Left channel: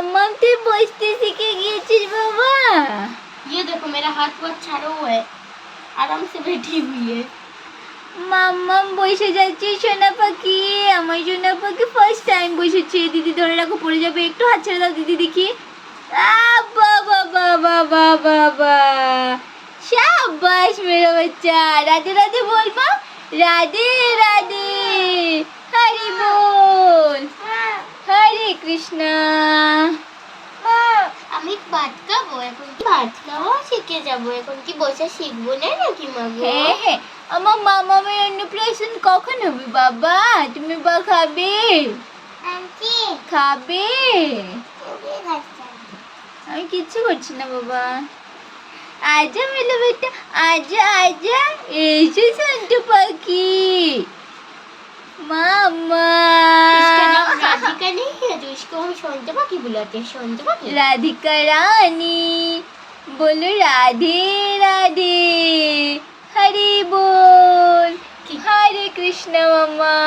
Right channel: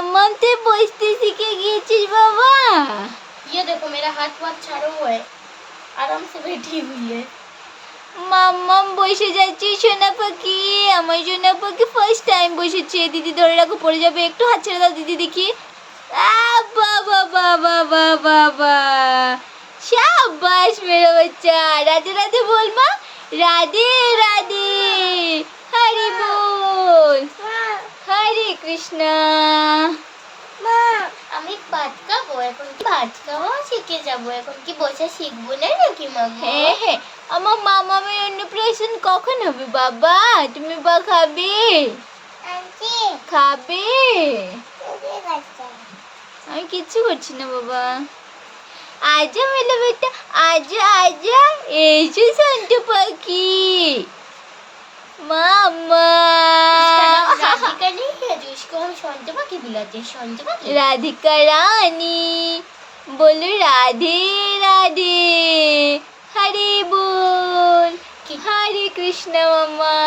মাম্মাম তুই বসতে শিখে গিয়েছিস বাবা ये देखो मेरा हाथ वाथ चारो हुआ है आराम से बैठी हुई है মাম্মাম বসে যাচ্ছে সোনা পাখি আমার সোনা পাখি ফার্স্ট টাইম বসেছে দিদি ধরে রাখো পড়ে যাবে একটু হাত ছেড়ে দাও দিদি দেখি আ, বাবা বাবা বাবা বা শাবাশ মেরে বাচ্চা রাধে রাধে বল মা রাধে রাধে কৃষ্ণ। আমি ভাত খাব এখন কি ভাত খাওয়া শিখে যাব এখন কি বসে শিখব না নাকি মাগো হ্যাঁ হ্যাঁ আমার মামামের অন্নপ্রাশন কখন হবে বাবা? তুমি বা খাবে? খাবে? আমি কিচ্ছু করছি না বাবা। আজা মেলে বেটা আজা আজা এসো সন্টু পাখি। রাধিকা রানি বল রাধে রাধে হরি বল হরে কৃষ্ণ মামা।